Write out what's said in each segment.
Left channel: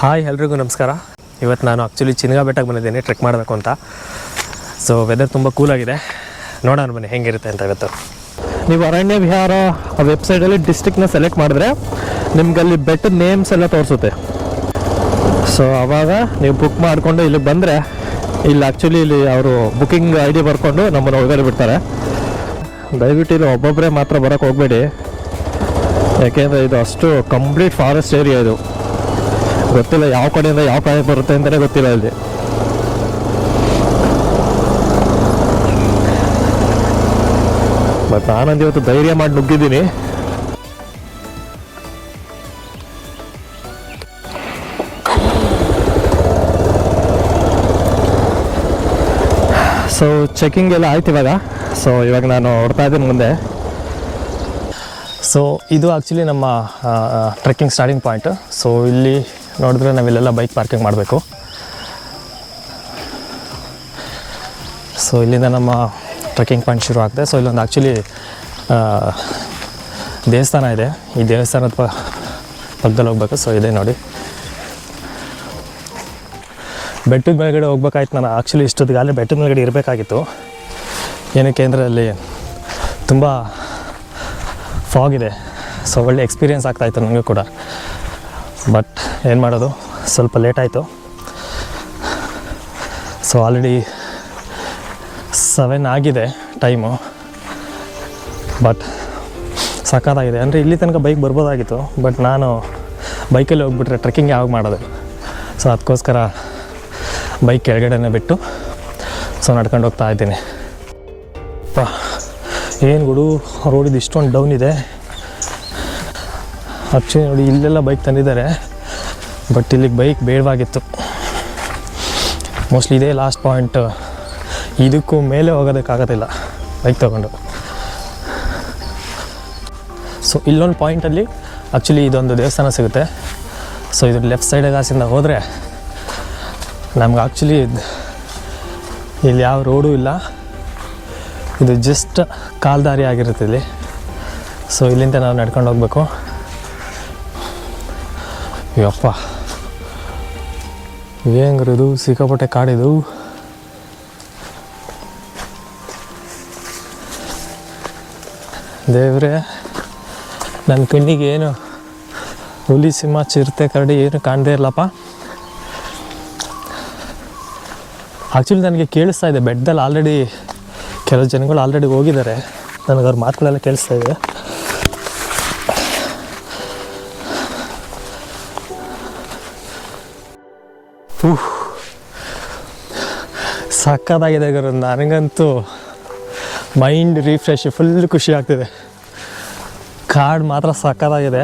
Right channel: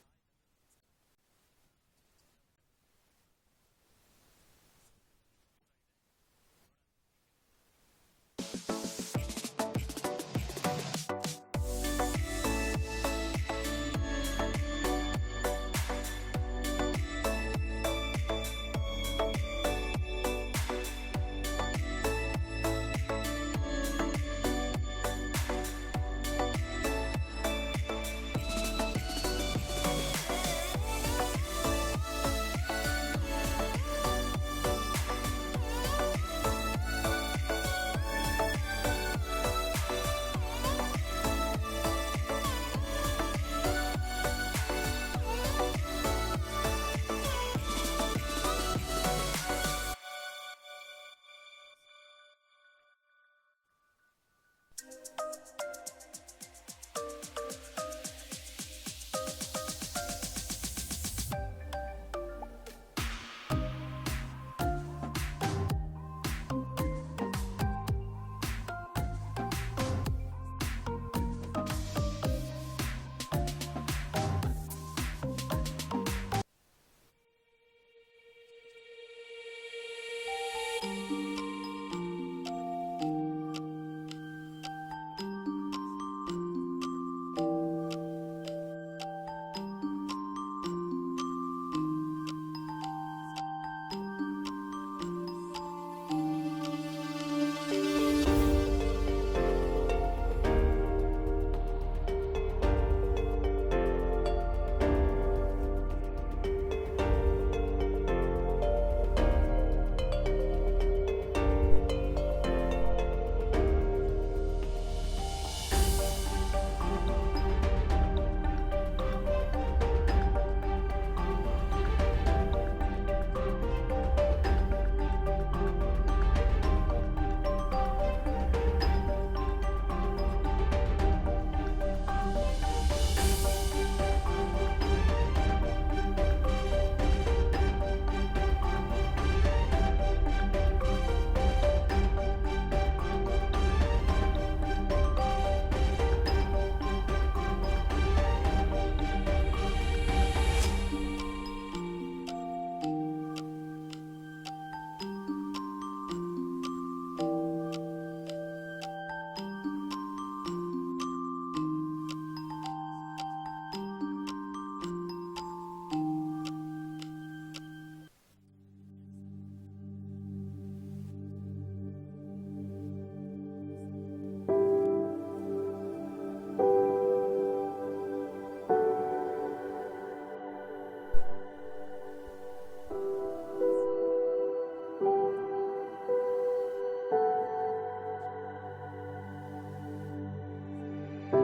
Hi ಎಲ್ರಿಗೂ ನಮಸ್ಕಾರ. ಇವತ್ತು ನಾನು ಆ್ಯಕ್ಚುಲಿ ಚಿನ್ಗಾ ಬೆಟ್ಟಕ್ಕೆ ಬಂದಿದ್ದೇನೆ ಟ್ರೆಕ್ ಮಾಡಬೇಕು ಅಂತ. ಸೊ ವೆದರ್ ತುಂಬ ಕೂಲಾಗಿದೆ ನೋಡೋಣ ಬನ್ನಿ, ಹೆಂಗಿರುತ್ತೆ ಅಂತ ಇವತ್ತು. ನೀವು ಅರಣ್ಯ ವಿಹಾರ ವೆಬ್ಸೈಟಲ್ಲಿ ಡಿಸ್ಟಿಕ್ನ ಸೆಲೆಕ್ಟ್ ಮಾಡಿದ್ರೆ ನಿಮ್ಗೆ ಅಲ್ಲಿ ಬೆಟ್ಟದ ನೇಮ್ಸ್ ಎಲ್ಲ ತೋರಿಸುತ್ತೆ. ಸೊ ಆವಾಗ ನೀವು ಬುಕ್ ಮಾಡಿಕೊಂಡು ಇಲ್ಲಿ ಬಂದರೆ ಇಲ್ಲಿ ಆ್ಯಕ್ಚುಲಿ ಇಲ್ಲಿ ಅವರು ಬುಕಿಂಗ್ ಐ ಡಿ ಬರ್ಕೊಂಡು ನಮ್ಮನ್ನು ಒಳಗಡೆ ಬಿಡ್ತಾರೆ. ದಯವಿಟ್ಟು ಇಲ್ಲಿ ಒಬ್ಬೊಬ್ಬರೇ ಮಾತ್ರ ಬರೋಕ್ಕೆ ಹೋಗಬೇಡಿ. ಯಾಕೆಂದರೆ ಇದು ಅಷ್ಟು ಕಂಪ್ಲೀಟ್ ಫಾರೆಸ್ಟ್ ಏರಿಯಾ ಇದು. ಗೊತ್ತಿಲ್ಲ ಯಾವ ಕಡೆಯಿಂದ ಯಾವ ಕಡೆ ಬರುತ್ತೆ ಅಂತಲೇ ಗೊತ್ತಿಲ್ಲ ಇಲ್ಲಿ. ಬಟ್ ಆನಂದ್ ಇವತ್ತು ಧೈರ್ಯ ಮಾಡಿ ನುಗ್ಗಿದ್ದೀನಿ. ಸೊ ಚೆಕಿಂಗ್ ಎಲ್ಲ ಆಯ್ತು ಇವಾಗ. ಸೊ ಇವಾಗ ನಾನು ಹೊಡ್ತಾ ಇದ್ದೀನಿ ಮುಂದೆ. ಸೊ ಇದು ಆ್ಯಕ್ಚುಲಿ ನಮ್ಮ ಟ್ರೆಕ್ಕಿಂಗ್ ಸ್ಟಾರ್ಟಿಂಗ್ ಪಾಯಿಂಟ್ ಸೊ ಇಲ್ಲಿ ನೋಡಿದ್ರೆ ನಾವಿಲ್ಲೆಲ್ಲ ಬೈಕ್ ಪಾರ್ಕಿಂಗ್ ಮಾಡಬೇಕು. ಸೊ ಇಲ್ಲಿಂದ ನಮ್ಮ ಟ್ರೆಕ್ಕಿಂಗ್ ಪಾಯಿಂಟ್ ಶುರು ಆಗ್ತದೆ ಸೊ ಇಲ್ಲೊಂದು ಆ್ಯಕ್ಚುಲಿ ದೇವಸ್ಥಾನ ಇದೆ. ಈ ದೇವಸ್ಥಾನದ ಪ, ಪಕ್ಕದಲ್ಲಿ ಹೋಗ್ಬೇಕು. ಸೊ ಇದೆ ನೋಡಿ. ಬೆಟ್ಟದ ಮೇಲ್ಗಡೆ ಹೋಗ್ಬೇಕಾಯ್ತು ನಾನು. ಆ್ಯಕ್ಚುಲಿ ಇಷ್ಟೊತ್ತಿಗಾಗಲೇ ಬೆಟ್ಟದ ಮೇಲ್ಗಡೆ ಇರಬೇಕಾಗಿತ್ತು. ಏನಕ್ಕೆ ಅಂದರೆ ಅಲ್ಲಿ ತುಂಬ ಫಾಗ್ ಇದೆ. ಸೊ ಒಳ್ಳೆ ಎಕ್ಸ್ಪೀರಿಯೆನ್ಸ್ ಆಗ್ತಾಯಿತ್ತು ನನಗೂ ಕೂಡ. ಬಟ್ ಏನು ಮಾಡೋದು? ಸ್ವಲ್ಪ ಲೇಟ್ ಆಯಿತು. ಸೊ ಆಲ್ರೆಡಿ ಸೆವೆನ್ ಆಗಿದೆ ಟೈಮು ಬಟ್ ಸಖತ್ತಾಗಿದೆ ಅಂದರೆ ಇಲ್ಲಿ ತನಕ ಬೈಕ್ ಬರ್ಬೋದಾಗಿತ್ತು. ಬಟ್ ನಾನು ಬೈಕಲ್ಲಿ ಹೋಗ್ಬಿಟ್ರೆ ಟ್ರೆಕ್ಕಿಂಗ್ ಯಾವಾಗ ಮಾಡೋದು? ಸೊ ಅದಕ್ಕೋಸ್ಕರ ಬೈಕ್ ಕೆಳಗಡೆನೇ ಬಿಟ್ಟು ಸೊ ನಡ್ಕೊಂಡು ಹೋಗ್ತಾ ಇದ್ದೀನಿ. ಏನು ಗುಡು ರೋಡಿದು ಇಷ್ಟೊಂದು ಡೌನ್ ಇದೆ. ಆ್ಯಕ್ಚುಲಿ ನೋಡಿ, ಇಲ್ಲೆಲ್ಲ ಬೈಕ್ ತಂದಿದ್ದಾರೆ ಬಟ್ ಇಲ್ಲಿಗೆ ಬೈಕ್ ಬೇಡವಾಗಿತ್ತು. ಮೋಸ್ಟ್ಲಿ ಇದೇ ಲಾಸ್ಟ್ ಪಾಯಿಂಟ್ ಇದಕ್ಕೂ ಮೇಲೆ ಹೋಗೋದಕ್ಕಾಗೋದಿಲ್ಲ ಬೈಕ್ ತೊಗೊಂಡು. ಸೊ ಇಲ್ಲೊಂದು ಪಾಯಿಂಟಲ್ಲಿ ಆ್ಯಕ್ಚುಲಿ ಇದೊಂದು ದೇವಸ್ಥಾನ ಸಿಗುತ್ತೆ. ಸೊ ಇದ್ರ ಲೆಫ್ಟ್ ಸೈಡ್ ಗಾಸಿಂದ ಹೋದರೆ, ನಮ್ಗೆ ಆ್ಯಕ್ಚುಲಿ ಇಲ್ಲಿ ಯಾವ ರೋಡು ಇಲ್ಲ. ಇದು ಜಸ್ಟ್ ಕಾಲ್ದಾರಿ ಆಗಿರುತ್ತೆ ಇಲ್ಲಿ. ಸೊ ಇಲ್ಲಿಂದ ನಾವು ನಡ್ಕೊಂಡು ಹೋಗ್ಬೇಕು. ಯಪ್ಪ. ಹೆಂಗ್ರಿದು ಸಿಕ್ಕಾಪಟ್ಟೆ ಕಾಡಿದು ದೇವ್ರೆ ನನ್ನ ಕಣ್ಣಿಗೆ ಏನು ಹುಲಿ ಸಿಂಹ ಚಿರತೆ ಕರಡಿ ಏನು ಕಾಣದೇ ಇಲ್ಲಪ್ಪ. ಆ್ಯಕ್ಚುಲಿ ನನಗೆ ಕೇಳಿಸ್ತಾ ಇದೆ ಬೆಡ್ದಲ್ಲಿ ಆಲ್ರೆಡಿ ಕೆಲವು ಜನಗಳು ಆಲ್ರೆಡಿ ಹೋಗಿದ್ದಾರೆ. ನನಗೆ ಅವ್ರ ಮಾತುಗಳೆಲ್ಲ ಕೇಳಿಸ್ತಾ ಇದೆ. ಸಕ್ಕತ್ತಾಗಿದೆ ಗುರು ನನಗಂತೂ ಮೈಂಡ್ ರಿಫ್ರೆಶ್ ಫುಲ್ ಖುಷಿ ಆಗ್ತಿದೆ. ಕಾಡು ಮಾತ್ರ ಸಕ್ಕತ್ತಾಗಿದೆ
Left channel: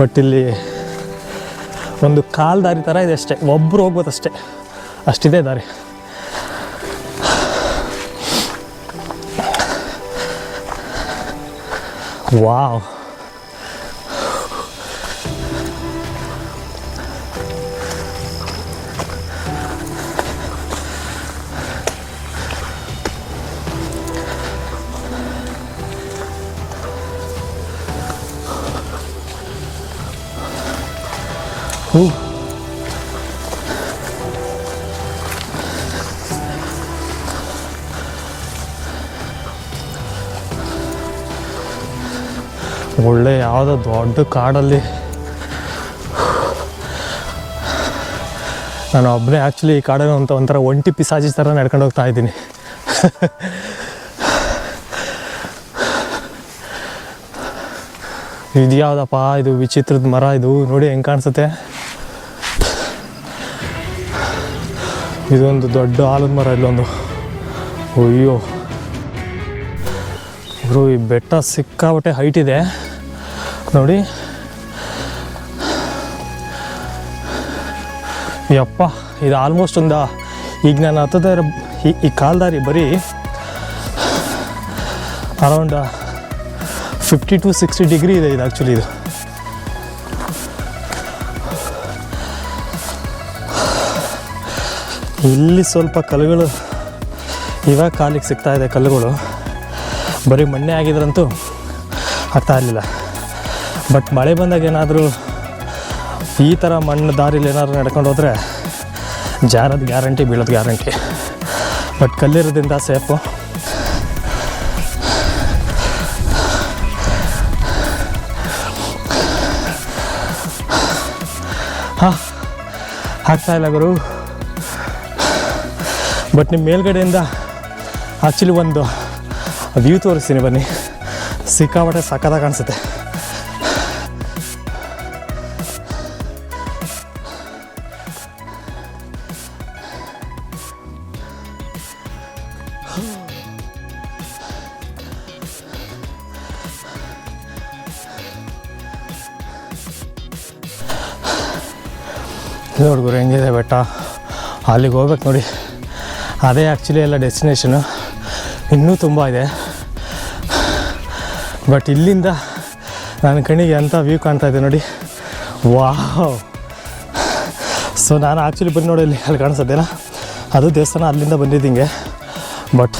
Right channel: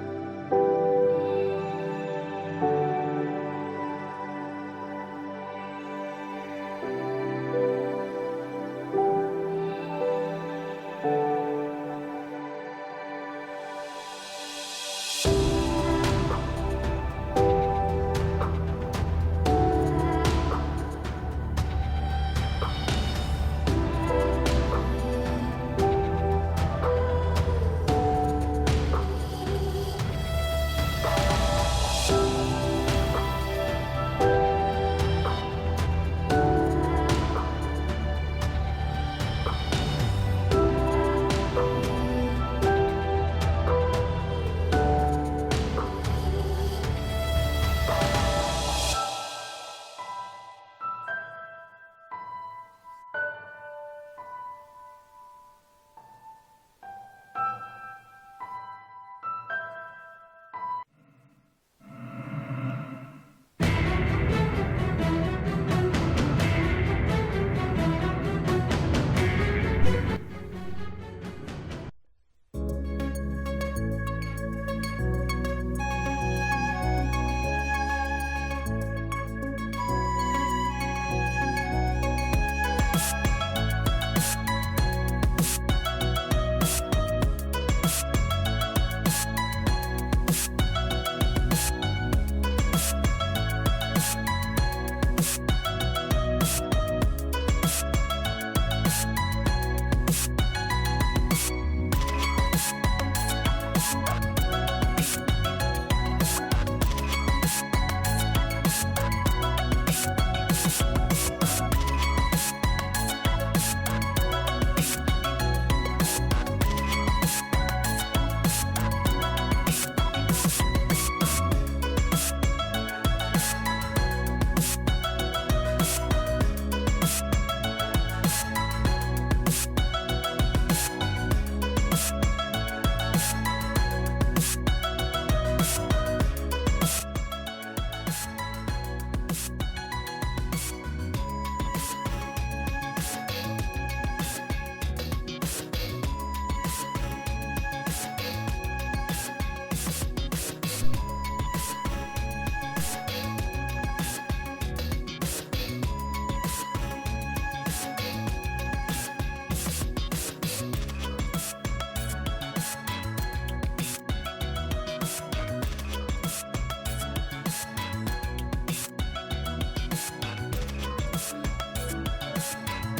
ಬಟ್ ಇಲ್ಲಿ ಒಂದು ಕಾಲು ದಾರಿ ಥರ ಇದೆ ಅಷ್ಟೇ. ಒಬ್ಬರು ಹೋಗ್ಬೋದು ಅಷ್ಟೇ. ಅಷ್ಟಿದೆ ದಾರಿ. ವಾವ್. ಒಳ್ಳೆ ಯಾವುದೋ ದೊಡ್ಡ ಕಾಡಲ್ಲಿ. ನಾನು ಒಬ್ಬನೇ ಆ್ಯಕ್ಚುಲಿ ಈ ಕಾಡಲ್ಲಿ ಅಂತ ಒಂಥರ ಒಂಟಿ ಪಿಸಾಜಿ ಥರ ನಡ್ಕೊಂಡು ಹೋಗ್ತಾ ಇದ್ದೀನಿ. ಇದು ಯಾವುದಪ್ಪ? ಇದು ವಿಚಿತ್ರದ ಮರ ಇದು. ನೋಡಿ ಹೆಂಗೆ ಕಾಣಿಸುತ್ತೆ. ಇದೊಂದು ದೊಡ್ಡ ಆಲದ ಮರ ಇಲ್ಲೊಂದು. ಅಯ್ಯೋ. ಗುರು, ಈ ಬೆಟ್ಟ ಸಿಕ್ಕಾಬಟ್ಟೆ ಹೈಟ್ ಇದೆ. ನೋಡಿ. ಯಪ್ಪ, ಇದು ಆಲ್ಮೋಸ್ಟ್ ಒಂದು, ಈಗ ನಾನು ಹತ್ತದ, ಈ ಈ ಕಾಲ್ದಾರಿ ಬರೀ around fifty to sixty degree ಇದೆ ಇದು ಆ್ಯಕ್ಚುಲಿ ಇದು. ಇಲ್ಲಿ ಸ್ವಲ್ಪ ಕಲ್ಲುಗಳು ಇವಾಗ ಕಾಲಿಗೆ ಸಿಗ್ತಾ ಇದೆ ಕಲ್ಲುಗಳು. ಬರೀ ಮಣ್ಣೆ ಆಗಿದ್ರಂತೂ ಅರ್ಥ ಬಟ್ ಮಳೆ ಬಂದಾಗ ಏನಾದರೂ ಈ ಥರ ಮಣ್ಣು ದಾರಿಲಿ ಏನಾದರೂ ನಡ್ಕೊಂಡು ಹೋದರೆ ಜಾರೋದು ಗ್ಯಾರಂಟಿ, ಬೀಳೋದು ಗ್ಯಾರಂಟಿ. ಬಟ್ ಕಲ್ಲಿರೋದ್ರಿಂದ ಸೇಫು ಹಾಂ, ಆಗ್ತಾ ಇಲ್ಲ ಗುರು. ಬಟ್ ನಿಮ್ಮ ಮೇಲ್ಗಡೆಯಿಂದ ಆ್ಯಕ್ಚುಲಿ ಒಂದು ವ್ಯೂ ತೋರಿಸ್ತೀನಿ ಬನ್ನಿ. ಸಿಕ್ಕಾಪಟ್ಟೆ ಸಕ್ಕತ್ತಾಗಿ ಕಾಣಿಸುತ್ತೆ. ನೋಡ್ಗುರು ಹೆಂಗಿದೆ ಬೆಟ್ಟ? ಅಲ್ಲಿಗೆ ಹೋಗ್ಬೇಕು ನೋಡಿ. ಅದೇ ಆ್ಯಕ್ಚುಲಿ ಎಲ್ಲ ಡೆಸ್ಟಿನೇಷನು ಇನ್ನೂ ತುಂಬ ಇದೆ. ಬಟ್ ಇಲ್ಲಿಂದ ನನ್ನ ಕಣ್ಣಿಗೆ ಎಂಥ ವ್ಯೂ ಕಾಣ್ತಾ ಇದೆ ನೋಡಿ. ವಾಹ್ ಸೊ ನಾನು ಆ್ಯಕ್ಚುಲಿ ಬಂದು ನೋಡಿ ಇಲ್ಲಿ ಅಲ್ಲಿ ಕಾಣಿಸುತ್ತೇನ ಅದು ದೇವಸ್ಥಾನ ಅಲ್ಲಿಂದ ಬಂದಿದ್ದಿಂಗೆ ಬಟ್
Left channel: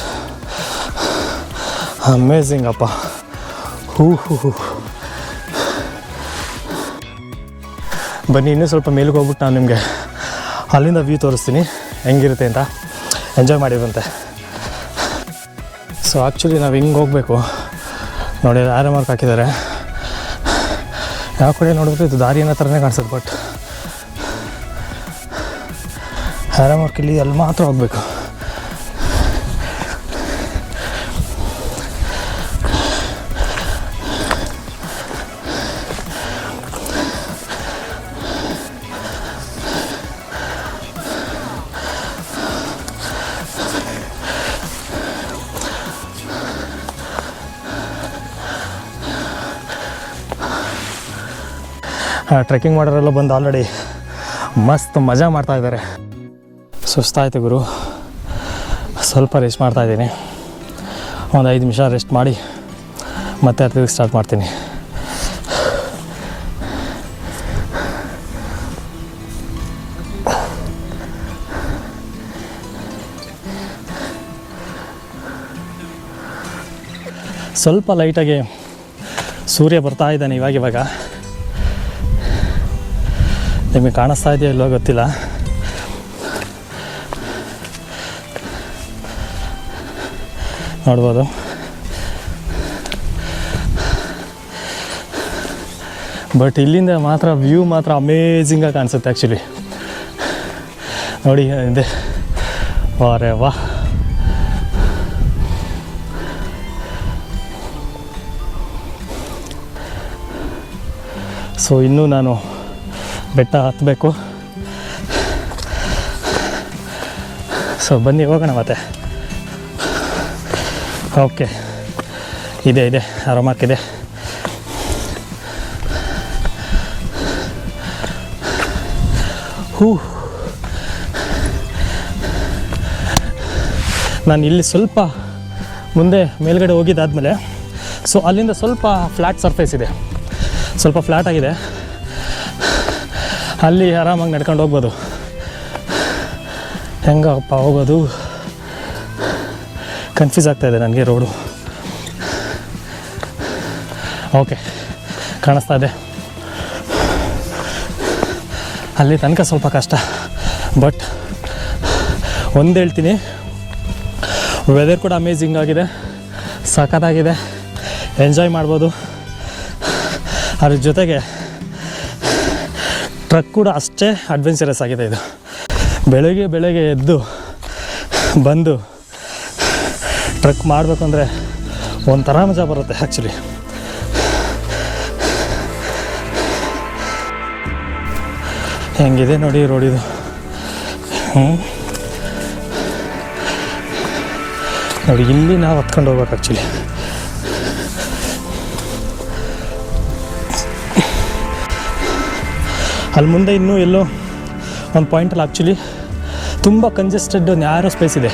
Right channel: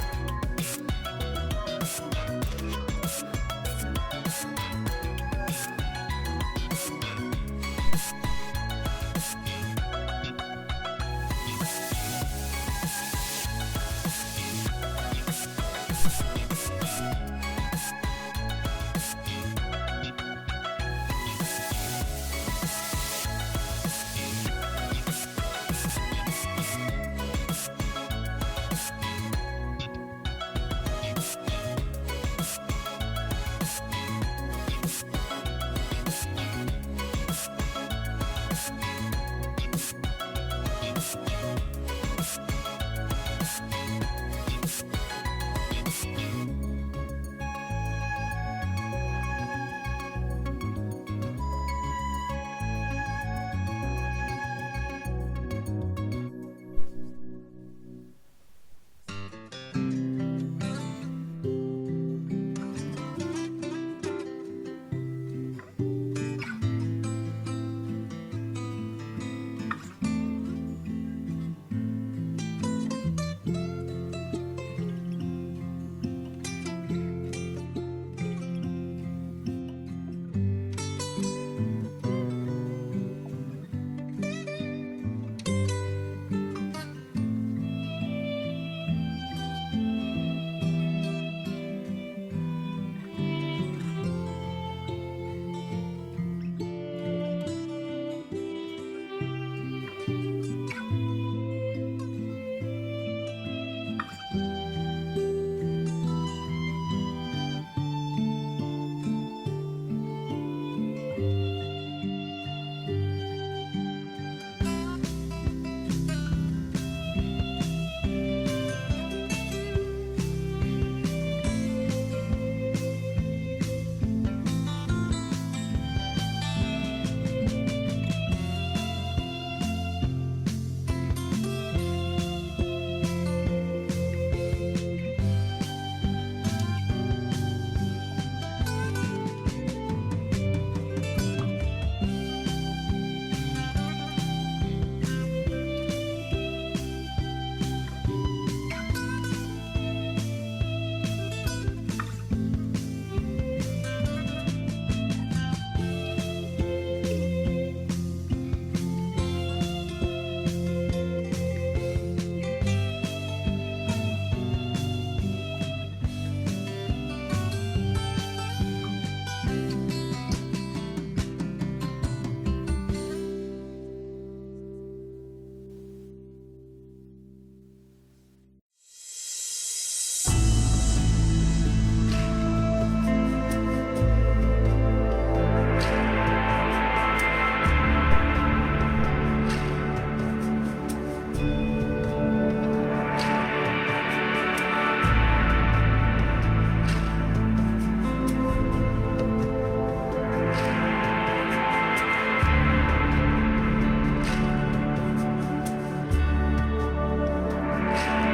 ಅಮೇಝಿಂಗ್ ಅಪ್ಪ. ಹೂ ಹೂ ಹೂ ಬನ್ನಿ, ಇನ್ನೂ ಸ್ವಲ್ಪ ಮೇಲಿಗೆ ಹೋಗ್ಬಿಟ್ಟು ನಾನು ನಿಮಗೆ ಅಲ್ಲಿಂದ ವ್ಯೂ ತೋರಿಸ್ತೀನಿ. ಹೆಂಗಿರುತ್ತೆ ಅಂತ. ಎಂಜಾಯ್ ಮಾಡಿದ್ರಂತೆ. ಸೊ ಆ್ಯಕ್ಚುಲಿ ನಾವು ಹಿಂಗೆ ಹೋಗಬೇಕು. ನೋಡಿ ಆರ ಮಾರ್ಕ್ ಹಾಕಿದ್ದಾರೆ. ಯಾವ ಕಡೆ ನೋಡಿದ್ರೆ ಇದು ದಾರಿ ಅನ್ನೋ ಥರನೇ ಕಾಣಿಸುತ್ತೆ ಬಟ್ ಆರೋ ಮಾರ್ಕ್ ಇಲ್ಲಿ ಅಲ್ಲಿ ಮಾತ್ರ ಹೋಗಬೇಕು. ಟ್ರೆಕ್ಕಿಂಗ್ ಮಾಡೋರೆಲ್ಲ ಬಂದು ಆಲ್ರೆಡಿ ಮಸ್ತ್ ಮಜಾ ಮಾಡ್ತಾ ಇದ್ದಾರೆ. ಸುಸ್ತಾಯಿತು ಗುರು. ಸ್ವಲ್ಪ ರೆಸ್ಟ್ ಮಾಡ್ತಾ ಇದ್ದೀನಿ. ಒಂದು ಐದು ನಿಮಿಷ ರೆಸ್ಟ್ ಮಾಡಿ ಮತ್ತೆ ತಿರುಗಿ ಸ್ಟಾರ್ಟ್ ಮಾಡ್ತೀನಿ. ಸ್ವಲ್ಪ ಲೈಟಾಗಿ ಸೂರ್ಯ ಬರ್ತಾ ಇದ್ದಾನೆ ಇವಾಗ. ನಿಮಗೆ ಕಾಣಿಸ್ತಾ ಇದೆಯೋ ಇಲ್ಲೋ ಗೊತ್ತಿಲ್ಲ. ನೋಡ್ಬೋದು. ಬಟ್ ಇಲ್ಲಿಂದ ಮಾತ್ರ ವ್ಯೂ ಮಾತ್ರ ಅಮೇಝಿಂಗಾಗಿ ಕಾಣಿಸುತ್ತೆ ಆ್ಯಕ್ಚುಲಿ ನೋಡಿ, ಇದೆ. ವಾರೆ ವಾ. ಸೊ ಇನ್ನೂ ನಾನು ಬೆಟ್ಟ ಹತ್ತಬೇಕು ಸೊ ಬನ್ನಿ, ಹೋಗೋಣ ಮತ್ತೆ. ಓಕೆ ಇದೆ ಇದೆ. ಆರಾಮಾಕಿದೆ ಹೂ. ನಾನು ಇಲ್ಲಿ ಸ್ವಲ್ಪ ಮುಂದೆ ಮೇಲ್ಗಡೆ ಹೋಗಿದ್ದಾದಮೇಲೆ ಸೊ ಅಲ್ಲಿಂದ ಸ್ವಲ್ಪ ಫ್ಲ್ಯಾಟ್ ಸರ್ಫೇಸ್ ಇದೆ. ಸ್ವಲ್ಪ ಫ್ಲ್ಯಾಟ್ ಆಗಿದೆ. ಅಲ್ಲಿ ಆರಾಮಾಗಿ ನಡ್ಕೊಂಡು ಹೋಗ್ಬೋದು. ಹೆಂಗಪ್ಪ ಹೋಗೋದು? ಕನ್ಫ್ಯೂಸ್ ಆಗ್ತಾ ಇದೆ ನನಗೆ ರೋಡು ಓಕೆ ಕಾಣಿಸ್ತಾ ಇದೆ. ಅಲ್ಲಿ ತನಕ ಸ್ವಲ್ಪ ಕಷ್ಟ ಬಟ್ ಒಂದು ಹೇಳ್ತೀನಿ. ವೆದರ್ ಕೂಡ ಅಮೇಝಿಂಗ್ ಆಗಿದೆ, ಸಖತ್ತಾಗಿದೆ. ಎಂಜಾಯ್ ಮಾಡ್ಬೋದು. ಅದ್ರ ಜೊತೆಗೆ ಟ್ರಕ್ ಕೂಡ ಅಷ್ಟೇ ಅಡ್ವೆಂಚರಸ್ ಆಗಿದೆ ಇದು. ಬೆಳಗ್ಗೆ ಬೆಳಗ್ಗೆ ಎದ್ದು ಬಂದು ಟ್ರಕ್ ಮಾಡಬೇಕಂದ್ರೆ ಒಂಥರ ಮಜಾ ಬರುತ್ತೆ ಆ್ಯಕ್ಚುಲಿ ಹೆಂಗಿದೆ ನೋಡಿ ರೋಡ್ ಇದು. ಹ್ಞೂ ನೋಡಿ, ಇಲ್ಲಿ ನಾವು ಹತ್ಕೊಂಡು ಹೋಗ್ಬೇಕು ಆ್ಯಕ್ಚುಲಿ ಅಲ್ಲಿ ಮುಂದೆ ಇನ್ನೂ ಎಲ್ಲೋ ಒಂದು ಪಾಯಿಂಟಲ್ಲಿ ಆ್ಯಕ್ಚುಲಿ ತುಂಬ ಕಂಜೆಸ್ಟೆಡ್ ನ್ಯಾರೋ ಸ್ಪೇಸ್ ಇದೆ.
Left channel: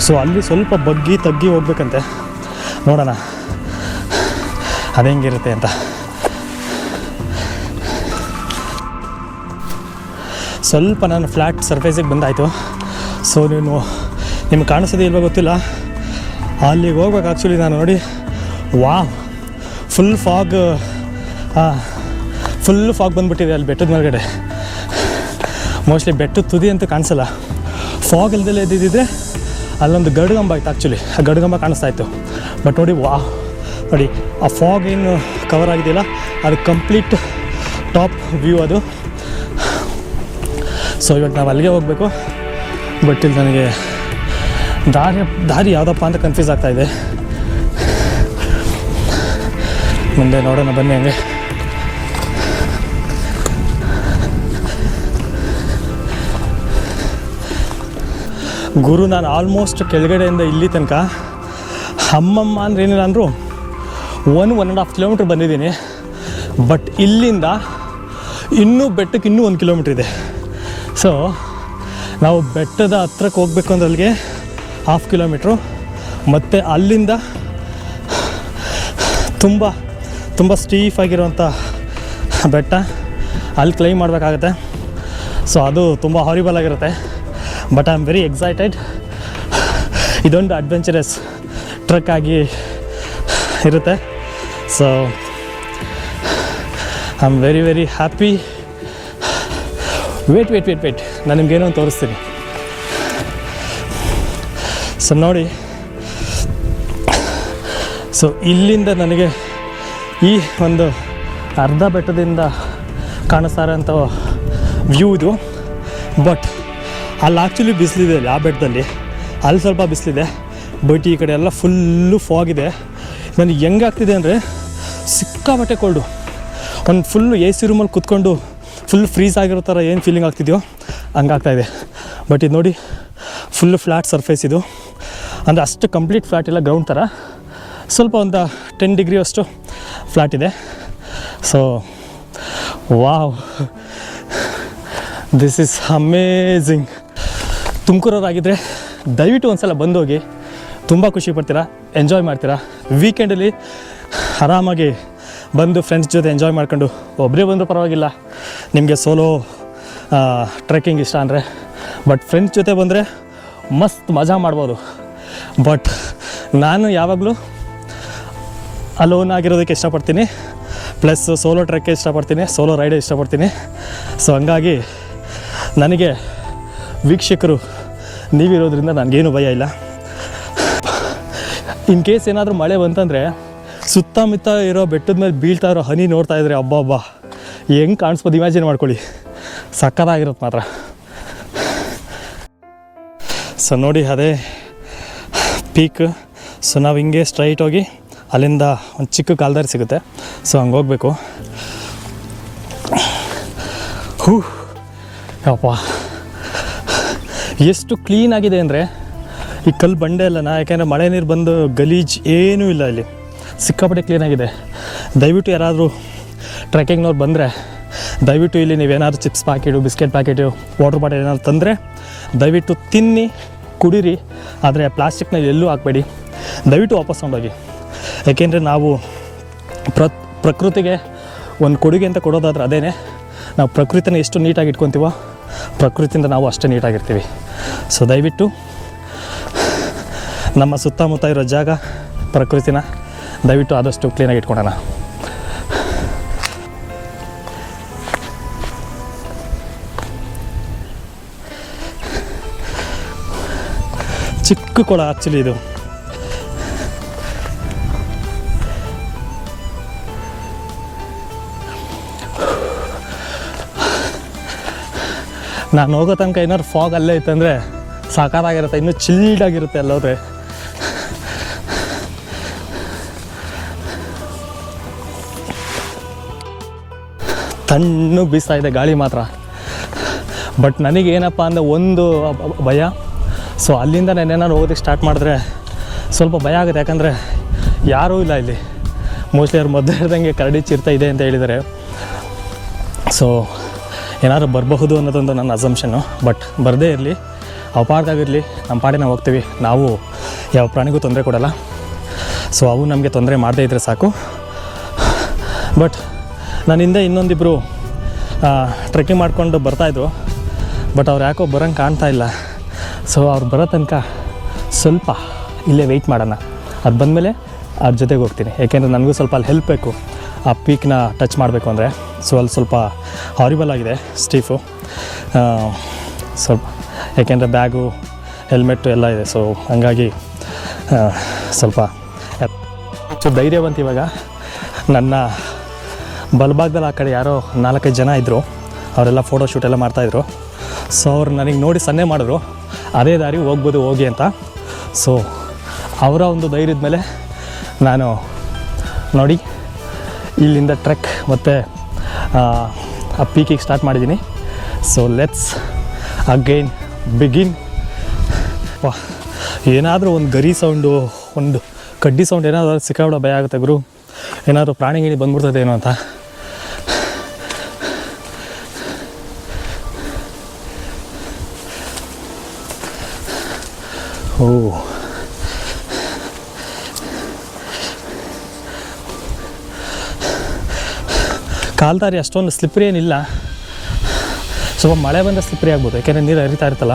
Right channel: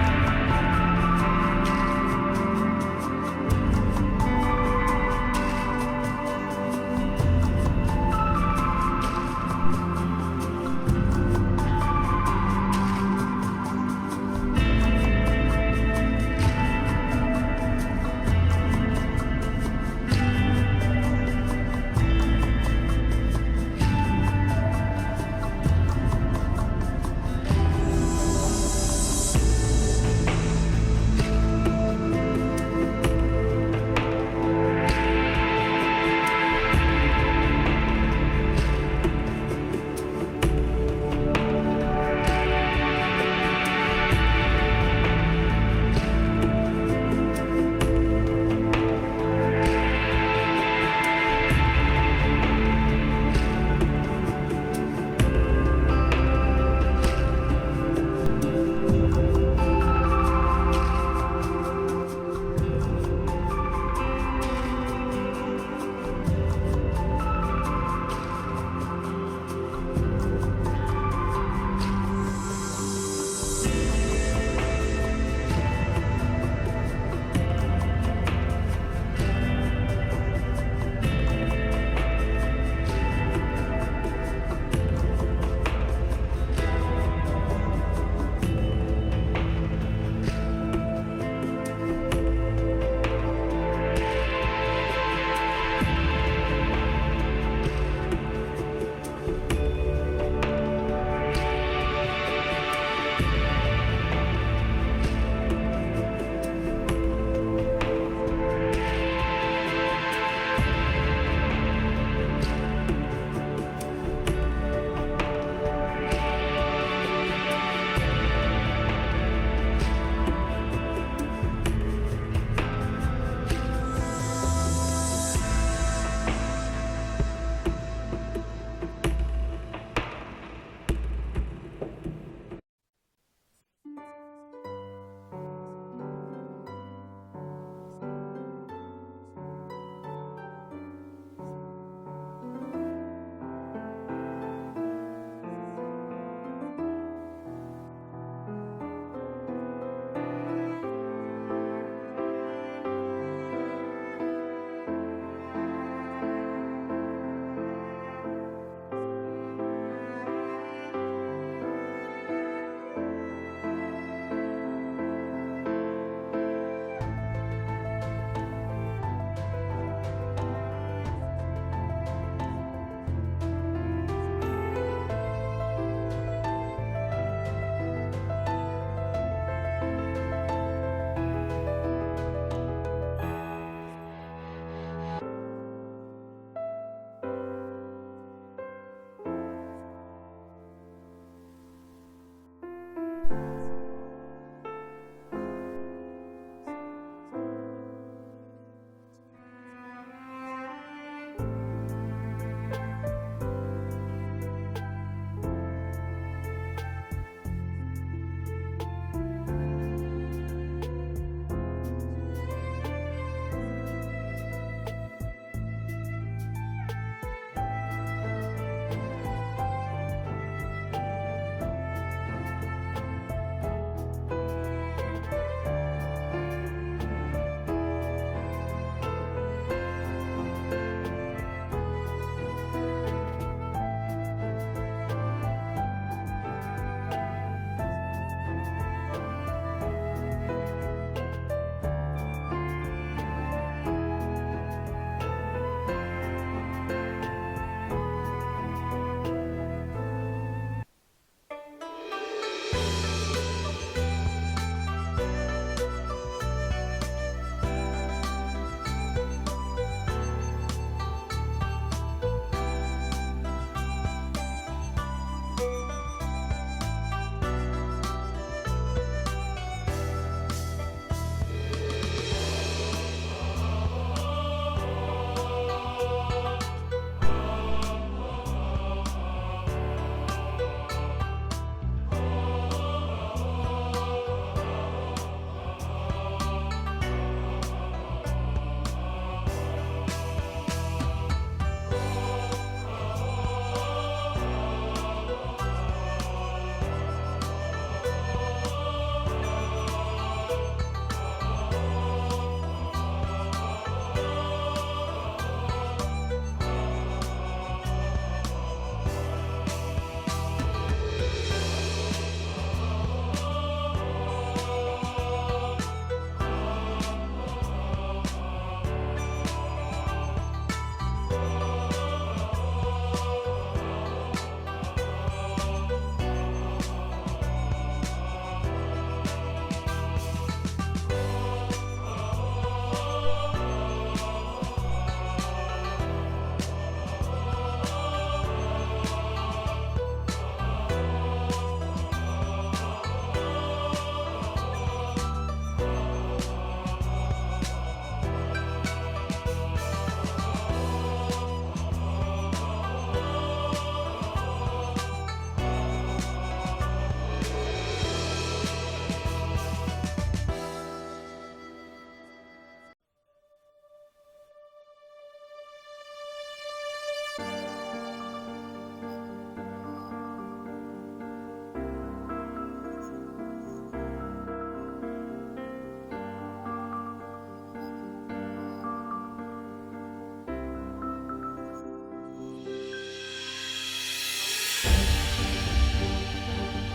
ಸೊ ಅಲ್ಲಿ ಸ್ವಲ್ಪ ಬಗ್ಗಿ ತಗ್ಗಿ ಹೋಗ್ಬೇಕಂತೆ. ನೋಡೋಣ. ಅದು ಹೆಂಗಿರುತ್ತೆ ಅಂತ. ಸ್ವಲ್ಪ ನಾನು ಫ್ಲ್ಯಾಟ್ ಸರ್ಫೇಸಿಗೆ ಬಂದಾಯಿತು. ಸೊ ನೀವು ನಿಮ್ಗೆ ಕಾಣಿಸೋದೇ ಇಲ್ವೋ ಗೊತ್ತಿಲ್ಲ. ಅಲ್ಲಿಗೆ ಹೋಗ್ಬೇಕು ಆ್ಯಕ್ಚುಲಿ ನಾನು ನೋಡಿ ವಾ ಫುಲ್ ಫಾಗ್ ಫುಲ್ಲು ಫಾಗ್ ಬಂದುಬಿಟ್ಟಿದೆ ಅಲ್ಲಿ ಬೆಟ್ಟದ ಮೇಲ್ಗಡೆ. ಮೋಸ್ಟ್ಲಿ ಬೆಟ್ಟದ ತುದಿ ಅಂತೂ ಕಾಣಿಸಲ್ಲ. ಫಾಗ್ ಇಲ್ದಲ್ಲೇ ಇದ್ದಿದ್ದರೆ ಅಲ್ಲೊಂದು ಗಡುಗಂಬ ಆಯ್ತು ಆ್ಯಕ್ಚುಲಿ ಆ ಗಡುಗಂಬ ಕಾಣಿಸ್ತಾ ಇತ್ತು. ಬಟ್ ನೋಡಿ ವಾ ನೋಡಿ, ಆ ಫಾಗ್ ಏನು ಕವರ್ ಆಗಿದೆಯಲ್ಲ? ಅದು ಕಂಪ್ಲೀಟ್ ಟಾಪ್ ವ್ಯೂ ಅದು. ಸೊ ಇವತ್ತು ನಾವು ಅಲ್ಲಿಗೆ ಹೋಗಬೇಕು. ಬಟ್ ಇಲ್ಲಿ ನನಗೆ ದಾರಿ ದಾರಿ ಯಾವುದಪ್ಪ ಅಂತ ಕನ್ಫ್ಯೂಸ್ ಆಗ್ತಾಯಿದೆ ಮುಂದೆ ನೋಡೋಣ, ಬನ್ನಿ ಹಂಗೆ. ಗುರು, ನಾನು ಆಲ್ಮೋಸ್ಟ್ ಕೆಳಗಡೆಯಿಂದ ಇಲ್ಲಿ ತನಕ. ಅಮ್ಮಮ್ಮ ಅಂದ್ರೆ ಏನಿಲ್ಲ ಅಂದರು one one and half kilometre ಬಂದಿದ್ದೀನಿ. ಬಟ್ ಇಲ್ಲಿಂದ ಇನ್ನೂ ಬೆಟ್ಟಕ್ಕೆ ಇನ್ನೂ ಒಂದು ಕಿಲೋಮೀಟ್ರ್ ಇದೆ. ಸೊ ನಾವು ಬೆಟ್ಟದ ಹತ್ರಕ್ಕೆ ಹೋಗ್ಬೇಕು ಅಂದ್ರೆ ಅಲ್ಲಿಗೆ ಹಾಫ್ ಕಿಲೋಮೀಟ್ರು ಮತ್ತು ಅಲ್ಲಿಂದ ತುಂಬ ತುಂಬ ಸ್ಟೀಫ್ ಆಗಿರುವಂಥ ಬೆಟ್ಟ, ಅಲ್ಲಿ ಕ್ಲೈಮ್ ಮಾಡಬೇಕಾಗತ್ತೆ. ಸೊ ಅದು ತುಂಬ ಹಾರಿಬಲ್ ಆಗಿರುತ್ತೆ. But I am very excited ಇದೊಂದು ಅಡ್ವೆಂಚರಸ್ ಟ್ರಕ್ ಆಗಿ ಇರುತ್ತೆ. So I am very very happy wait wait wait wait ನಾನು ನಿಮ್ಗೇನೋ ತೋರಿಸ್ತೀನಿ. ಸೊ ನೋಡಿ. ಸೊ ಇಲ್ಲಿಂದ ನನಗೆ ಈ ಒಂದು ಅರ್ಧ ಬೆಟ್ಟದಿಂದ ಕಾಣಿಸ್ತಾರಂಥ ವ್ಯೂ ಇದು. ಬಟ್ ಅಲ್ಲಿ ಆ್ಯಕ್ಚುಲಿ ಬಿಸಿಲಿದೆ ಆ ಬೆಟ್ಟದಲ್ಲಿ ಅಲ್ಲಿ ಸ್ವಲ್ಪ ಬಿಸಿಲಿದೆ ಬಟ್ ಈ ಕಡೆ ಎಲ್ಲ ಫುಲ್ಲು ಫಾಗಿದೆ ನನಗೆ ಹೆಂಗಾಗ್ತಿದೆ ಅಂದರೆ ಸಿಕ್ಕಾಪಟ್ಟೆ ಕೋಲ್ಡು ಒಂದು ಫುಲ್ಲು ಎ ಸಿ ರೂಮಲ್ಲಿ ಕುತ್ಕೊಂಡು ಫುಲ್ ಫ್ರೀಸ್ ಆಗಿರೋ ಥರ ಏನು ಫೀಲಿಂಗ್ ಆಗ್ತಿದೆಯೋ ಹಂಗಾಗ್ತಾ ಇದೆ. ಬಟ್ ಇದು ನೋಡಿ ಫುಲ್ಲು ಫ್ಲ್ಯಾಟ್ ಸರ್ಫೇಸ್ ಇದು. ಅಂದರೆ ಅಷ್ಟು ಕಂಪ್ಲೀಟ್ ಫ್ಲ್ಯಾಟ್ ಇಲ್ಲ ಗ್ರೌಂಡ್ ಥರ ಸ್ವಲ್ಪ ಒಂದು ಟೆನ್ ಡಿಗ್ರಿ ಅಷ್ಟು ಫ್ಲ್ಯಾಟ್ ಇದೆ. So wow this is amazing ತುಮಕೂರವರಾಗಿದ್ದರೆ ದಯವಿಟ್ಟು ಒಂದು ಸಲ ಬಂದೋಗಿ ತುಂಬ ಖುಷಿ ಪಡ್ತೀರಾ ಎಂಜಾಯ್ ಮಾಡ್ತೀರಾ? ವೀಕೆಂಡಲ್ಲಿ ಆರಾಮಾಗಿ ಬಂದು ಫ್ರೆಂಡ್ಸ್ ಜೊತೆ ಎಂಜಾಯ್ ಮಾಡ್ಕೊಂಡು ಒಬ್ಬರೇ ಬಂದರೂ ಪರವಾಗಿಲ್ಲ. ನಿಮಗೆ ಸೋಲೋ ಟ್ರೆಕ್ಕಿಂಗ್ ಇಷ್ಟ ಅಂದರೆ ಬಟ್ ಫ್ರೆಂಡ್ಸ್ ಜೊತೆ ಬಂದರೆ ಮಸ್ತ್ ಮಜಾ ಮಾಡ್ಬೋದು. ಬಟ್ ನಾನು ಯಾವಾಗಲೂ ಅಲೋನ್ ಆಗಿರೋದಕ್ಕೆ ಇಷ್ಟಪಡ್ತೀನಿ. ಪ್ಲಸ್ ಸೋಲೋ ಟ್ರೆಕ್ಕೆ ಇಷ್ಟಪಡ್ತೀನಿ ಸೋಲೋ ರೈಡೇ ಇಷ್ಟಪಡ್ತೀನಿ. ಸೊ ಹಂಗಾಗಿ ನನಗೆ ವೀಕ್ಷಕರು, ನೀವಿರೋದ್ರಿಂದ ನನಗೇನು ಭಯ ಇಲ್ಲ. ಇನ್ ಕೇಸ್ ಏನಾದರೂ ಮಳೆ ಬಂತಂದರೆ ಸುತ್ತಮುತ್ತ ಇರೋ ಬೆಟ್ಟದ ಮೇಲೆ ಬೀಳ್ತಾ ಇರೋ ಹನಿ ನೋಡ್ತಾ ಇದ್ರೆ ಹಬ್ಬ ಹಬ್ಬ ಹೆಂಗೆ ಕಾಣಿಸ್ಬೋದು? ಇಮ್ಯಾಜಿನ್ ಮಾಡ್ಕೊಳ್ಳಿ. ಸಕ್ಕದಾಗಿರುತ್ತೆ ಮಾತ್ರ. ಸೊ ನೋಡಿ, ಅದೇ ಪೀಕ್ ಸೊ ನಾವು ಹಿಂಗೆ ಸ್ಟ್ರೈಟ್ ಹೋಗಿ ಅಲ್ಲಿಂದ ಒಂದು ಚಿಕ್ಕ ಕಾಲ್ದಾರಿ ಸಿಗುತ್ತೆ. ಸೊ ಹಂಗೆ ಹೋಗಬೇಕು. ಹೂ. ಯಪ್ಪ. ಎಷ್ಟು ಕ್ಲೀನ್ ಆಗಿದೆ ಅಂದರೆ ಈ ಕಲ್ಲು ಬಂಡೆ ಅಲ್ಲನ ಯಾಕೆಂದರೆ ಮಳೆ ನೀರು ಬಂದು ಗಲೀಜ್ ಏನೂ ಇಲ್ಲ ಇಲ್ಲಿ ಸಿಕ್ಕಾಪಟ್ಟೆ ಕ್ಲೀನಾಗಿದೆ ದಯವಿಟ್ಟು ಯಾರಾದರೂ ಟ್ರೆಕ್ಕಿಂಗ್ನವ್ರು ಬಂದರೆ, ದಯವಿಟ್ಟು ಇಲ್ಲಿ ನೀವೇನಾದ್ರು chips packet biscuit packet water bottle ಏನಾದ್ರು ತಂದರೆ, ದಯವಿಟ್ಟು ತಿನ್ನಿ, ಕುಡೀರಿ, ಆದರೆ ಪ್ಲಾಸ್ಟಿಕ್ನ ಎಲ್ಲೂ ಹಾಕಬೇಡಿ. ದಯವಿಟ್ಟು ವಾಪಸ್ ತೊಗೊಂಡೋಗಿ. ಯಾಕೆಂದರೆ ನಾವು ಪ್ರ, ಪ್ರಕೃತಿಗೆ ಒಂದು ಕೊಡುಗೆ ಅಂತ ಕೊಡೋದಾದ್ರೆ ಅದೇನೆ, ನಾವು ಪ್ರಕೃತಿನ ಎಷ್ಟು ನೀಟಾಗಿ ಇಟ್ಕೊತೀವೋ, ಪ್ರಕೃತಿಯಿಂದ ನಾವು ಅಷ್ಟೇ ನೀಟಾಗಿರ್ತೀವಿ ಸೊ ದಯವಿಟ್ಟು ನಮ್ಮ ಸುತ್ತಮುತ್ತ ಇರೋ ಜಾಗ, ಪ್ರಕೃತಿನ ದಯವಿಟ್ಟು ಆದಷ್ಟು ಕ್ಲೀನಾಗಿ ಇಟ್ಕೊಳ್ಳೋಣ ಚಿಕ್ಕ ಕೊಳ ಆ್ಯಕ್ಚುಲಿ ಇದು. ನಾನು ಹೋಗೋ ತನಕ ಏನಾದ್ರು ಫಾಗ್ ಅಲ್ಲೇ ಇತ್ತಂದರೆ ಸಾಕಾರಾಗಿರುತ್ತೆ, ಇನ್ನೂ ಚಿಲ್ಡಾಗಿರುತ್ತೆ ಅಲ್ಲೋದ್ರೆ ತಣ್ಣು ಬೀಸ್ತಾ ಇದೆ ಗಾಳಿ ಮಾತ್ರ. ಬಟ್ ನನಗೇನಪ್ಪ ಅಂದರೆ ಒಂದು ಭಯ. ಸೊ ಅಲ್ಲಿಂದ ನಾನು ಹೋಗೋದಕ್ಕೆ ಸ್ಟಾರ್ಟ್ ಮಾಡಿದ್ರೆ ಸ್ವಲ್ಪ ಭಯ ಆಗುತ್ತೆ, ಯಾಕಂದರೆ ಯಾರೂ ಇಲ್ಲ ಇಲ್ಲಿ. ಮೋಸ್ಟ್ಲಿ ಅವ್ರು ಮೊದಲು ಇರ್ದಂಗೆ ಕರಡಿ ಚಿರ್ತಾ ಇದೆ ಅಂತ ಹೇಳಿದ್ದಾರೆ. ಸೊ ಏನಾದ್ರು ಬರಬಹುದು ಅನ್ನೋದೊಂದು ನನ್ನ ಅಸಂಪ್ಷನ್ನು ಬಟ್ ಬರದೇ ಇರಲಿ ಅಪಾರ್ದಾಗಿರಲಿ ನಮ್ಮ ಪಾಡಿ ನಾವು ಹೋಗ್ತೀವಿ. ನಾವು ಯಾವ ಪ್ರಾಣಿಗೂ ತೊಂದರೆ ಕೊಡಲ್ಲ. ಸೊ ಅವು ನಮಗೆ ತೊಂದರೆ ಮಾಡದೇ ಇದ್ದರೆ ಸಾಕು. ಬಟ್ ನನ್ನ ಹಿಂದೆ ಇನ್ನೊಂದಿಬ್ಬರು ಟ್ರೆಕ್ಕಿಂಗ್ ಮಾಡಿಕೊಂಡು ಬರ್ತಾಯಿದ್ರು ಬಟ್ ಅವ್ರು ಯಾಕೋ ಬರೋಂಗೆ ಕಾಣ್ತಾ ಇಲ್ಲ. ಸೊ ಅವ್ರು ಬರೋ ತನಕ ಸ್ವಲ್ಪ ಇಲ್ಲೇ ವೆಯ್ಟ್ ಮಾಡೋಣ. ಅದು ಬಂದಮೇಲೆ ಅದ್ರ ಜೊತೆಗೆ ಹೋಗ್ತೀನಿ. ಯಾಕೆಂದರೆ ನನಗೂ ಸ್ವಲ್ಪ ಅಲ್ಲಿ ಹೆಲ್ಪ್ ಬೇಕು. ಆ ಪೀಕ್ನ ಟಚ್ ಮಾಡಬೇಕು ಅಂದರೆ ಸೊ ಅಲ್ಲಿ ಸ್ವಲ್ಪ ಹಾರಿಬಲ್ ಆಗಿದೆ ಸ್ಟೀಫು. ಸ್ವಲ್ಪ, ಯಾಕೆಂದರೆ ಬ್ಯಾಗು ಹೆಲ್ಮೆಟ್ಟು ಎಲ್ಲ ಇದೆ, ಸೊ ಹಂಗಾಗಿ ಸ್ವಲ್ಪ ಸೊ ಧೈರ್ಯ ಬಂತು ಇವಾಗ ನನ್ನ ಬಲಭಾಗದಲ್ಲಿ ಆ ಕಡೆ ಯಾರೋ ನಾಲ್ಕೈದು ಜನ ಇದ್ದರು ಅವರೆಲ್ಲ ಫೋಟೋ ಶೂಟ್ ಎಲ್ಲ ಮಾಡ್ತಾಯಿದ್ರು ಸೊ ಅವ್ರು ನನಗೆ ನೋಡಿ ಸನ್ನೆ ಮಾಡಿದ್ರು. ಅದೇ ದಾರಿ ಹೋಗ್ಬೋದು, ಹೋಗಿ ಅಂತ. ಸೊ ಅವರ ಒಂದು ಧೈರ್ಯದ ಮೇಲೆ ನಾನು ನೋಡಿ ಇಲ್ಲಿಂದ ಟ್ರೆಕ್ ಮತ್ತು, ಆ ಪೀಕಿಗೆ ಸ್ಟಾರ್ಟ್ ಮಾಡಿದ್ದೀನಿ ಸೊ ಲೆಟ್ಸ್ ಅಗೈನ್ ಬಿಗಿನ್ ಏನಾದರೂ ಒಂದು ಗರಿ ಸೌಂಡು ಒಂದು ಕಡ್ಡಿ ಸೌಂಡ್ ಏನಾದರೂ ಸಿಕ್ಕಾಬಿಡೋ ಭಯ ಆಗುತ್ತೆ ಗುರು. ಏನಾದರೂ ಪ್ರಾಣಿಗಿಣಿ ಬಂದ್ಬಿಡ್ತದೆ ಏನೋ ಅಂತ. ಕಾಲ್ದಾರಿ ಅಷ್ಟೊಂದು ಸ್ಲಿಪ್ರಿ ಏನಿಲ್ಲ. ಸ್ವಲ್ಪ ಮಳೆ ಬಂದರೆ ಸ್ಲಿಪ್ರಿ ಆಗ್ಬೋದು, ಯಾಕೆಂದರೆ ನೀರು ಹರಿತಾ ಇರ್ತಲ್ಲ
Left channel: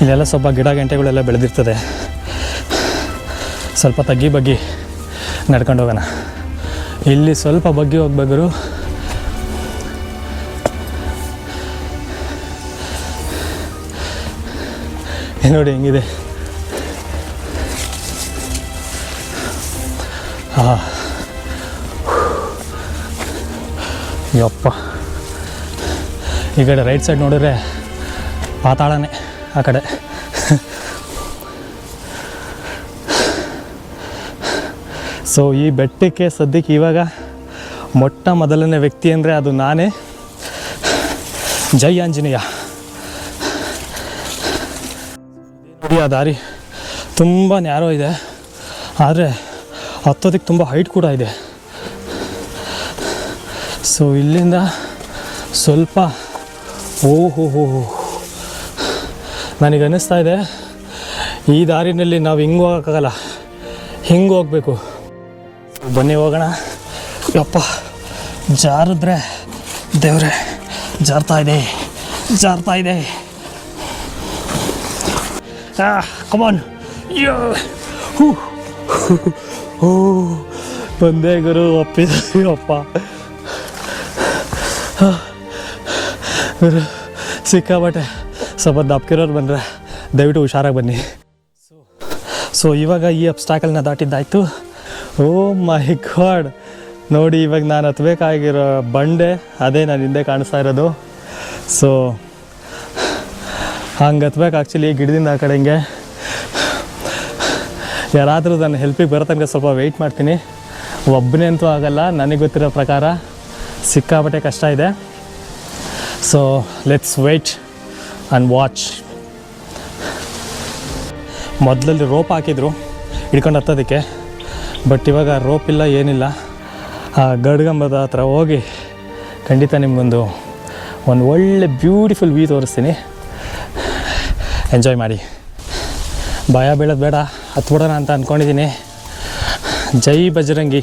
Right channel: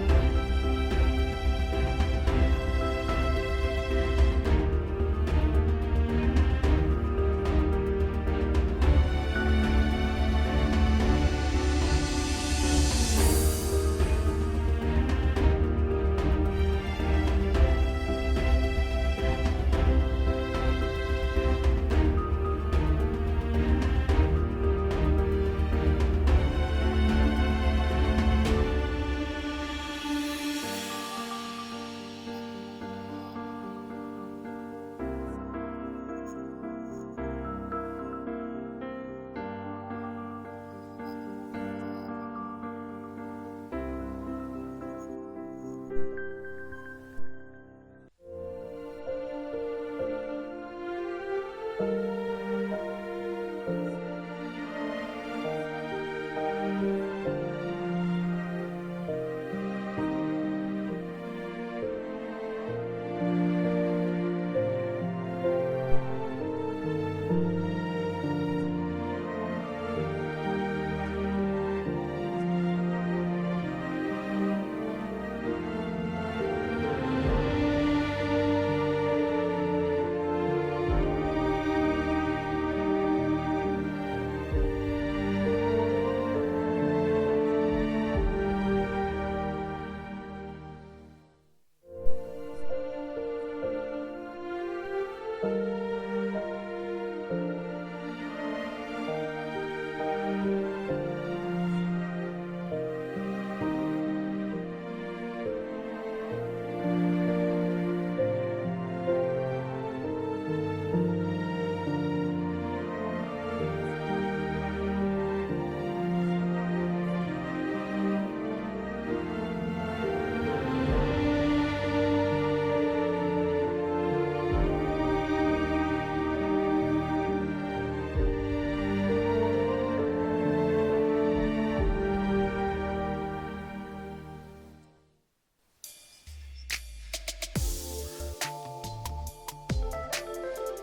ಇಲ್ಲೆಲ್ಲ ಸ್ವಲ್ಪ ಗಿಡ ಗಂಟೆಗಳೆಲ್ಲ ಬೆಳೆದಿರ್ತದೆ. ಸ್ವಲ್ಪ ತಗ್ಗಿ ಬಗ್ಗಿ ನಡ್ಕೊಂಡು ಹೋಗೋಣ. ಇಲ್ಲಿ ಸ್ವಲ್ಪ ಬಗ್ಗಿ ಹೋಗ್ಬೇಕಾದ್ರು ನೋಡಿ ಹೆಂಗಿದೆ ಹಾ ಯಪ್ಪ. ಈ ಕಡೆ ರೈಟ್ ಸೈಡ್ ನೋಡಿದ್ರೆ ಪಾತಾಳನೇ ಆ ಕಡೆ. ಸೊ ಈ ಬೆಟ್ಟಕ್ಕೆ ಸದ್ಯಕ್ಕೆ ಇವಾಗ ಮೊಟ್ಟ ಮೊದಲನೇ ವ್ಯಕ್ತಿ ಅಂದರೆ ಅದು ನಾನೇ. ಜೈ ಆಂಜನೇಯ. ಆ ದಾರಿ ತುಂಬ ನ್ಯಾರೋ ಇದೆ. ಆದರೆ ಹತ್ತೋದಕ್ಕೆ ತುಂಬ ಹೈಟ್ ಕೂಡ ಇದೆ. ಸೊ ಇಲ್ಲಿಂದ ಸ್ವಲ್ಪ ಓಹೋ ಹೋ ನನಗೆ ಅನ್ನಿಸ್ತಾ ಇದೆ, ಈ ದಾರಿನಲ್ಲಿ ನಾವು ಹಿಂಗೆ ಹೋಗೋಕ್ಕಾಗಲ್ಲ. ಹಿಂಗೆ ಹೋಗಬೇಕು. ಬನ್ನಿ ಹೋಗೋಣ. ಯಪ್ಪ, ಜಾರಿದ್ರೆ ದೇವ್ರೆ, ಜಾರ್ತಾ ಇದೆ ಜಾರ್ತಾ ಇದೆ. ಕಮಾನ್ ಓ ಬಂದೆ ಗುರು ಒಪ್ಪಿದಪ್ಪ ಗುರು ಸಿಕ್ಕಾಬಟ್ಟೆ ಸ್ವಲ್ಪ ದಪ್ಕಿರೋರು ಬಂದರೆ ದಯವಿಟ್ಟು ಹುಷಾರಾಗಿ ಬನ್ನಿ ಸೊ ಇವಾಗ ಈ ಅಬ್ಸ್ಟಾಕಲ್ನ ದಾಟಿದ್ದಾಯ್ತು ಓ ಮೈ ಗಾಡ್ ನೋಡಿ ಇವಾಗ ನಾನು ಹತ್ಬೇಕಾಗಿರೋ ಬಂಡೆ ಅದೇ ನಾನು ಹಿಂದೆ ಕಾಣಿಸ್ತಾ ಇರೋದು ಸೊ ಹಂಗೆ ಹತ್ಬೇಕು ಆ್ಯಕ್ಚುಲಿ ಗಿಡದಿಂದ ಆ ಕಡೆ ಹಿಂಗೆ. ಯಾರಾದರೂ ನನ್ನ ಹೆಲ್ಪಿಗೆ ಬರೋ ತನಕ ಸ್ವಲ್ಪ ವೆಯ್ಟ್ ಮಾಡ್ತೀನಿ. ಒಬ್ಬನೇ ಅಂತೂ ಆಗಲ್ಲ, ನನಗೆ ಗೊತ್ತಿರೋ ಪ್ರಕಾರ ಸಿಕ್ಕಾಪಟ್ಟೆ ಕಷ್ಟ ಇದೆ. So let's wait and watch ಮೊದಲಲ್ಲಿ rope ಹಾಕಿದ್ರು, ಹಿಡ್ಕೊಂಡು ಹತ್ತೋದಕ್ಕೆ. ಬಟ್ ಇವಾಗ ರೋಪ್ ಇಲ್ಲ, ಏನಿಲ್ಲ. ಆ ಗಡ್ಗಂಬದ ಹತ್ರ ಹೋಗಿ ಖಂಡಿತ ನಿಮಗೊಂದು, ಒಂದು ಒಳ್ಳೆ ಬ್ಯೂಟಿಫುಲ್ ವ್ಯೂ ತೋರಿಸ್ತೀನಿ. ಎಂಜಾಯ್ ಮಾಡಿ. ಭಯ ಬೀಳೋದು ಬೇಡ ಹತ್ಬಿಡೋಣ ಅಂತ ಅಂದ್ಕೊಂಡಿದ್ದೀನಿ ಜೈ ಬಜರಂಗಿ.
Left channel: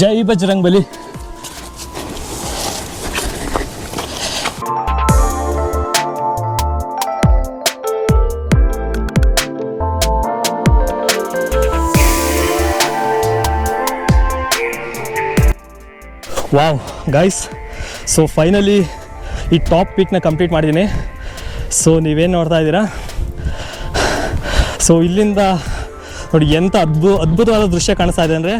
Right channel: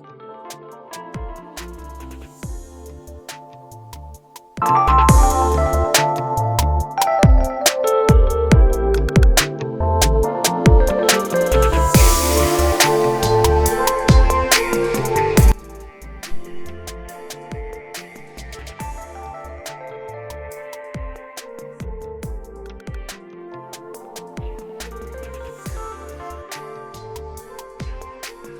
ಜೈ Bajrang Bali. Wow guys so finally ಈ ಟಾಪ್ ಪೀಕ್ನ ಕಂಪ್ಲೀಟ್ ಮಾಡಿದ್ದೀನಿ. ಸೊ ನೀವೇನು ನೋಡ್ತಾ ಇದ್ದೀರಾ? ಸೊ ಇಲ್ಲಿಂದ ನೋಡಿ ಎಂಥ ಅದ್ಭು ಅದ್ಭುತವಾದ ದೃಶ್ಯ ಕಾಣಿಸ್ತಾ ಇದೆ ಅಂದರೆ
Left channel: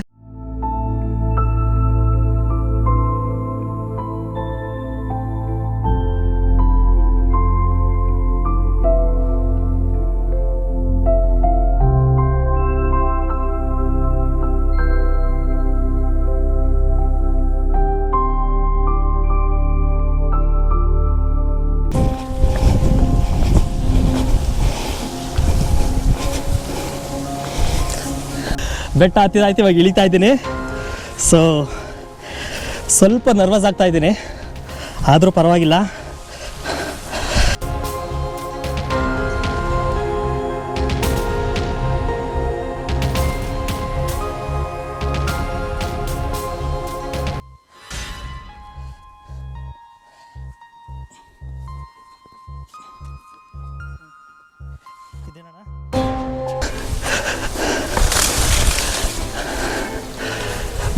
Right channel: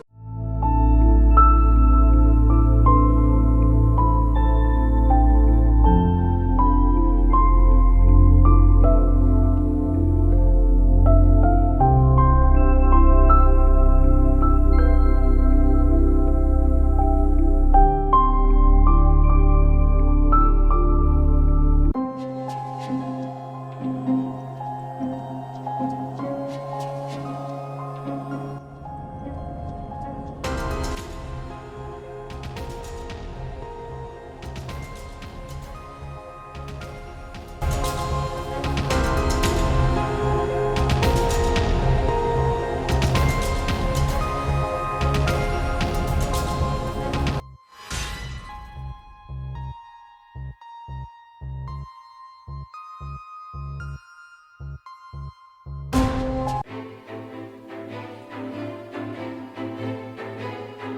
ಬೆಟ್ಟ ಹತ್ತಿದಾಯ್ತು ಇವಾಗ ಇಳಿತಾ ಇದ್ದೀನಿ. ಸೊ ಸ್ವಲ್ಪ ನರ್ವಸ್ ಆಗ್ತಾ ಇದ್ದೀನಿ. ಆದರೂ ಪರವಾಗಿಲ್ಲ.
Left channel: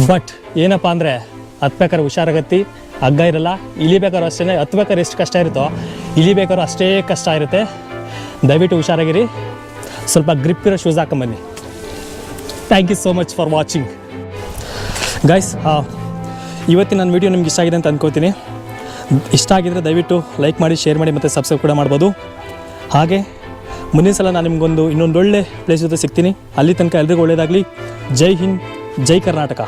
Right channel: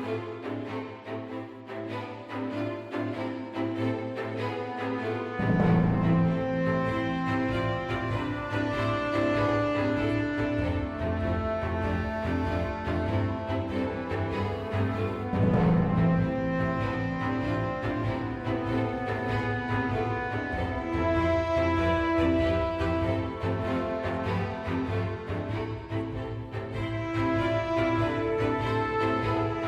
ಬಟ್ ಏನಪ್ಪ ಅಂದರೆ ಹತ್ಬೇಕಾದ್ರೆ ಹುಷಾರಾಗತ್ತಿ, ಹಗ್ಗ ಇರಲ್ಲ ಇಳಿಬೇಕಾದ್ರೂ ಅಷ್ಟೇ ಹತ್ಬೇಕಾದ್ರೆ ಎಷ್ಟು ಕಷ್ಟ ಇರುತ್ತೋ ಇಳಿಬೇಕಾದ್ರೂ ಅಷ್ಟೇ ಕಷ್ಟ ಇರುತ್ತೆ. ದಯವಿಟ್ಟು ಹುಷಾರಾಗಿರಿ. ಸ್ವಲ್ಪ ಗ್ರಿಪ್ ಇರೋ shoes ಹಾಕೊಂಬನ್ನಿ. Thank you so much for watching guys ಇವತ್ತಿನ ನನ್ನ ವೀಡಿಯೋ ನಿಮ್ಗೆ ಇಷ್ಟ ಆಗಿದೆ ಅಂತ ಅಂದ್ಕೋತೀನಿ ಇಷ್ಟ ಆಗಿದ್ರೆ ದಯವಿಟ್ಟು ಲೈಕ್ ಮಾಡಿ ಶೇರ್ ಮಾಡಿ ಮತ್ತು ಸಬ್ಸ್ಕ್ರೈಬ್ ಕೂಡ ಮಾಡ್ಬೋದು. ಹಾಗೆ, ಮುಂದಿನ ಸಲ ನಾನು ನಿಮಗೊಂದು ಇನ್ನೊಂದು ಒಳ್ಳೆ ಪ್ಲೇಸ್ ಜೊತೆ ಸಿಗ್ತೀನಿ. ಅಲ್ಲಿ ತನಕ ಎಲ್ರಿಗೂ ಒಳ್ಳೆಯದಾಗಲಿ ಜೈ ಹಿಂದ್, ಜೈ ಕರ್ನಾಟಕ.